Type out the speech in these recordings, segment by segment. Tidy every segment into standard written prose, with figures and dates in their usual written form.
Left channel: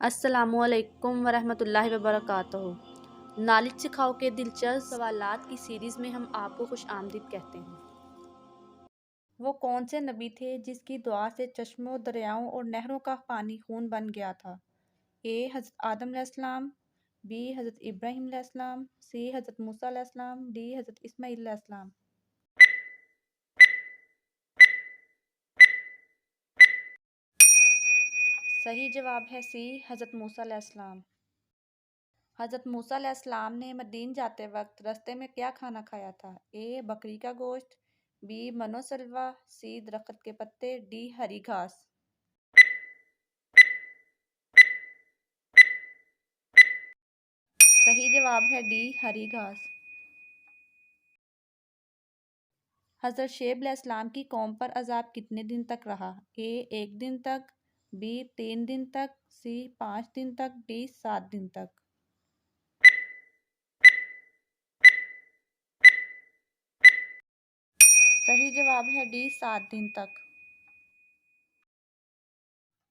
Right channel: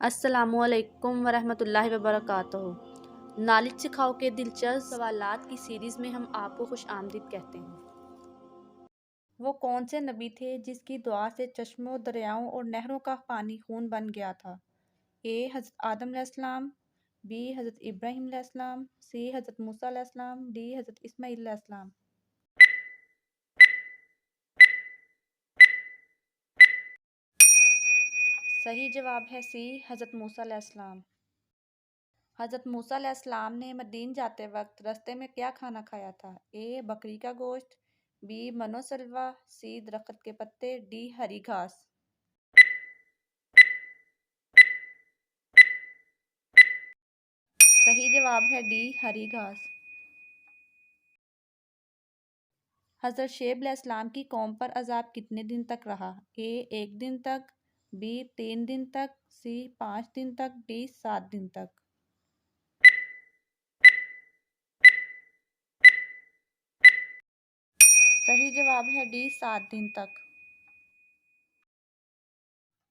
السلام علیکم ورحمۃ اللہ وبرکاتہ۔ نالج سکھاؤ کے دلچسپ سوالات کی سیریز میں ہم آپ کو خوش آمدید کہتے ہیں۔ وہ کون سے نبی تھے جس کی دعا سے چشموں، دریاؤں اور نہروں کا پانی خون بن گیا تھا؟ اے حضرت آدم علیہ السلام، بی حضرت ابراہیم علیہ السلام، سی حضرت موسیٰ علیہ السلام، ڈی حضرت اسماعیل علیہ السلام۔ صحیح جواب ہے سی حضرت موسیٰ علیہ السلام۔ حضرت موسیٰ علیہ السلام نے مدین جاتے وقت رستے میں کیا کھانا کھایا تھا؟ اے بکری کا گوشت، بی من و سلوہ، سی درخت کے پتے، ڈی ہری گھاس۔ صحیح جواب ہے ڈی ہری گھاس۔ حضرت شعیب علیہ السلام کی قوم پر عذاب کتنے دن تک رہا؟ اے 1 دن تک، بی 3 دن تک، سی 5 دن تک، ڈی 7 دن تک۔ صحیح جواب ہے ڈی 7 دن تک۔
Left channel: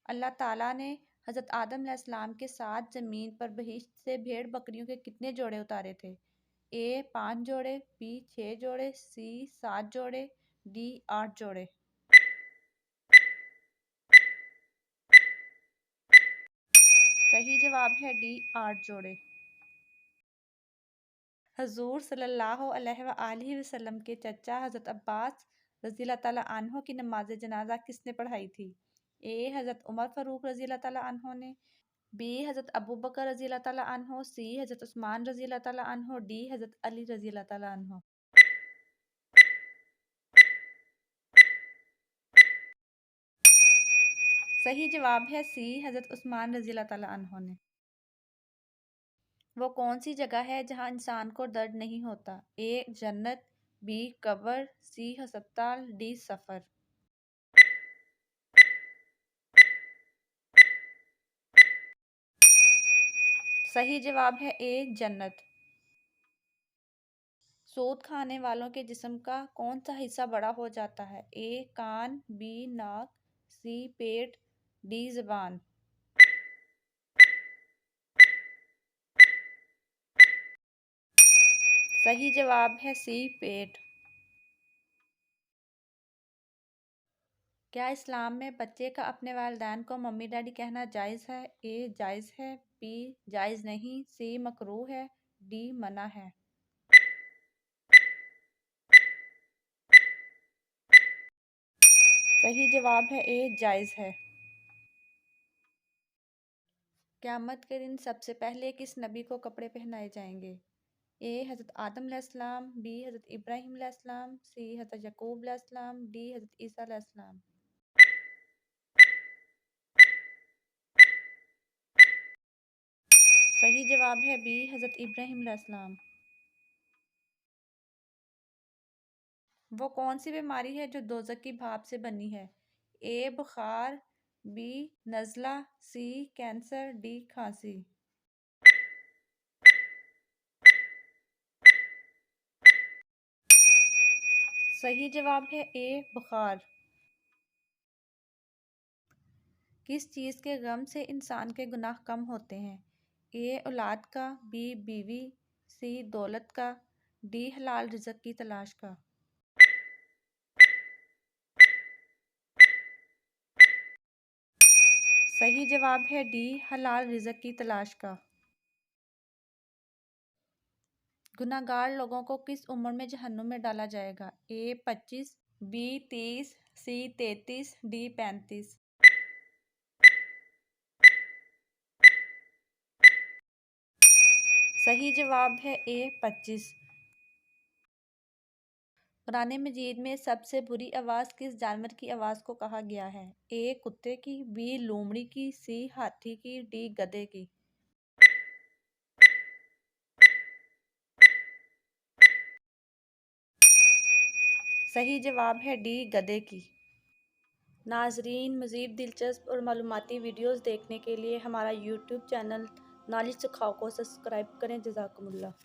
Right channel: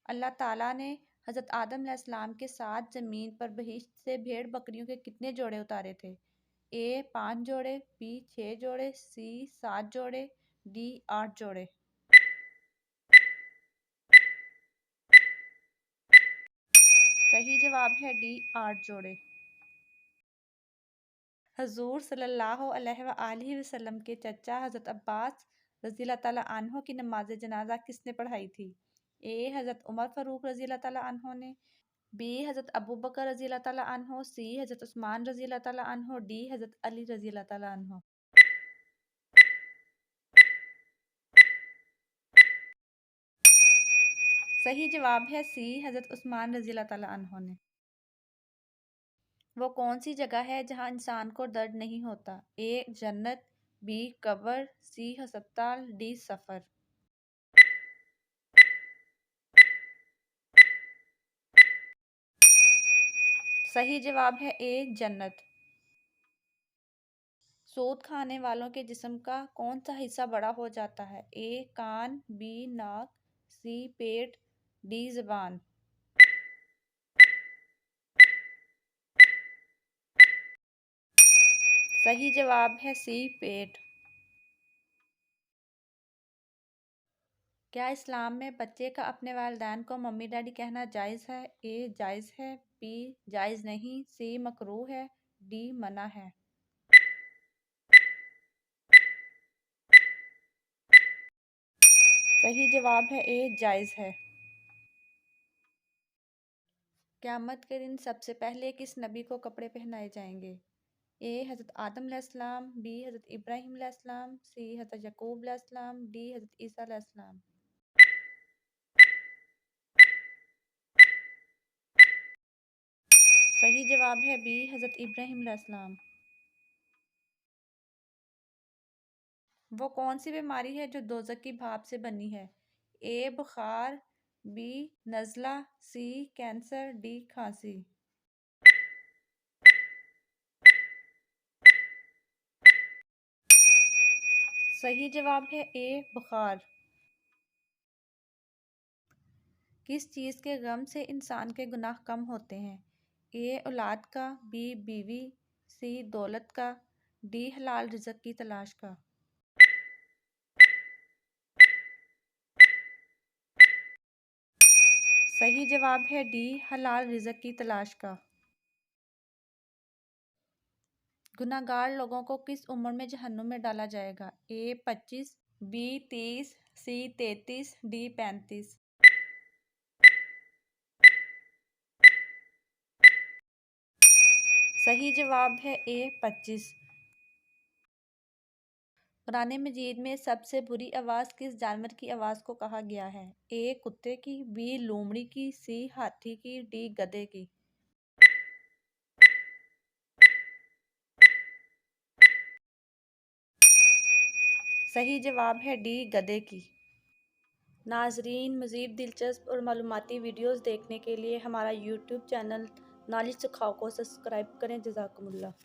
اللہ تعالیٰ نے حضرت آدم علیہ السلام کے ساتھ زمین پر بہشت سے بھیڑ بکریوں کے کتنے جوڑے اتارے تھے؟ اے 5 جوڑے، بی 6 جوڑے، سی 7 جوڑے، ڈی 8 جوڑے۔ صحیح جواب ہے ڈی 8 جوڑے۔ حضور صلی اللہ علیہ وآلہ وسلم کے چچا حضرت عباس رضی اللہ تعالیٰ عنہ کی نماز جنازہ کس نے پڑھائی تھی؟ اے حضرت عمر فاروق رضی اللہ تعالیٰ عنہ نے، بی حضرت ابوبکر رضی اللہ تعالیٰ عنہ، سی حضرت عثمان رضی اللہ تعالیٰ عنہ، ڈی حضرت علی رضی اللہ تعالیٰ عنہ۔ صحیح جواب ہے سی حضرت عثمان رضی اللہ تعالیٰ عنہ نے۔ وہ کون سی جگہ ہے جہاں انسان کو درد نہیں ہوتا؟ اے جنت، بی قبر، سی ہسپتال، ڈی سفر۔ صحیح جواب ہے اے جنت۔ سود کھانے والوں کے جسم کا کون سا حصہ بڑا ہو جاتا ہے؟ اے کان، بی ناک، سی پیٹ، ڈی زبان۔ صحیح جواب ہے سی پیٹ۔ کیا اسلام میں بچے کا اپنے والدین کو ممی ڈیڈی کہنا جائز ہے؟ اے جائز ہے، بی جائز نہیں، سی مکروہ ہے، ڈی منع ہے۔ صحیح جواب ہے اے جائز ہے۔ قیامت کے دن سب سے پہلے کس نبی کو کپڑے پہنائے جائیں گے؟ اے حضرت آدم علیہ السلام، بی حضرت ابراہیم علیہ السلام، سی حضرت یعقوب علیہ السلام، ڈی حضرت عیسیٰ علیہ السلام۔ صحیح جواب ہے بی حضرت ابراہیم علیہ السلام۔ وہ کون سی بیماری ہے جو دوزخ کی بھاپ سے بنی ہے؟ اے بخار، بی نزلہ، سی کینسر، ڈی کھانسی۔ صحیح جواب ہے اے بخار۔ کس چیز کے غم سے انسان کے گناہ کم ہوتے ہیں؟ اے اولاد کا، بی بیوی، سی دولت کا، ڈی حلال رزق کی تلاش کا۔ صحیح جواب ہے ڈی حلال رزق کی تلاش کا۔ گناہگار لوگوں کو کس عمر میں جہنم میں ڈالا جائے گا؟ اے 25، بی 30، سی 33، ڈی 35۔ صحیح جواب ہے اے 25۔ قرآن مجید میں سب سے بری آواز کس جانور کی آواز کو کہا گیا ہے؟ اے کتے کی، بی لومڑی کی، سی ہاتھی کی، ڈی گدھے کی۔ صحیح جواب ہے ڈی گدھے کی۔ ناظرین، مزید دلچسپ اور معلوماتی ویڈیوز دیکھنے کے لیے ہمارا یوٹیوب چینل نالج سکھاؤ کو سبسکرائب کریں۔ جزاکم اللہ۔